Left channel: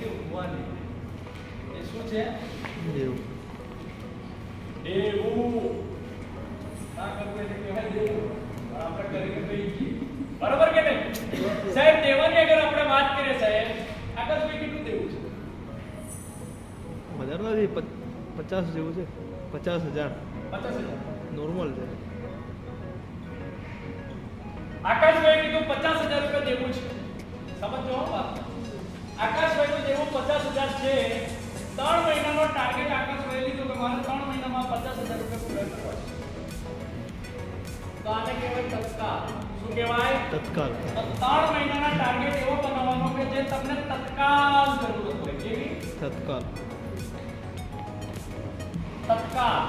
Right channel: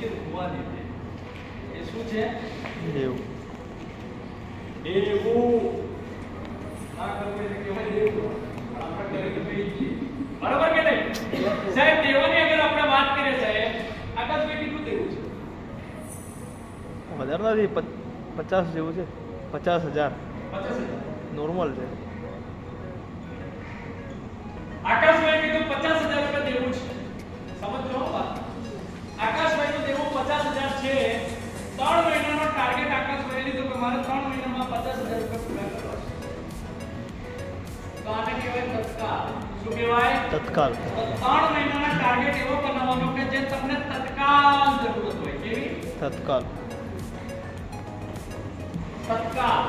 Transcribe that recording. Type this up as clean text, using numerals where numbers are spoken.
કે ભગવાન એ શું છે? દેવું. દેવું ના કરવું એટલે કહેવાય દેવું. આપણે કરીને કહી દઈએ. બરાબર કે નહીં? સાહેબ દેવાની અગર આપણે વાત કરીએ સાહેબ, આકાશભાઈ કેટલું દેવું છે? વધારે નથી, 50 જેવું છે. 50,000 50,000 નોર્મલ છે. આકાશભાઈ કીધું 50,000 રૂપિયા દેવું છે. સમજો વાત. આકાશભાઈ નું દેવું 50,000 છે. 3 મહિનાનો ટાર્ગેટ આકાશભાઈ લીધો કે મારે 3 મહિનામાં 50,000 રૂપિયા પૂરા કરવા છે. તો આને કહેવાય તત્કાલ. શું કહેવાય? તત્કાલ. તો 3 મહિનાના ટાર્ગેટ એવો બનાવવાનો કે જે તમને તત્કાલ જરૂરત હોય. કેવી? તત્કાલ. તત્કાલ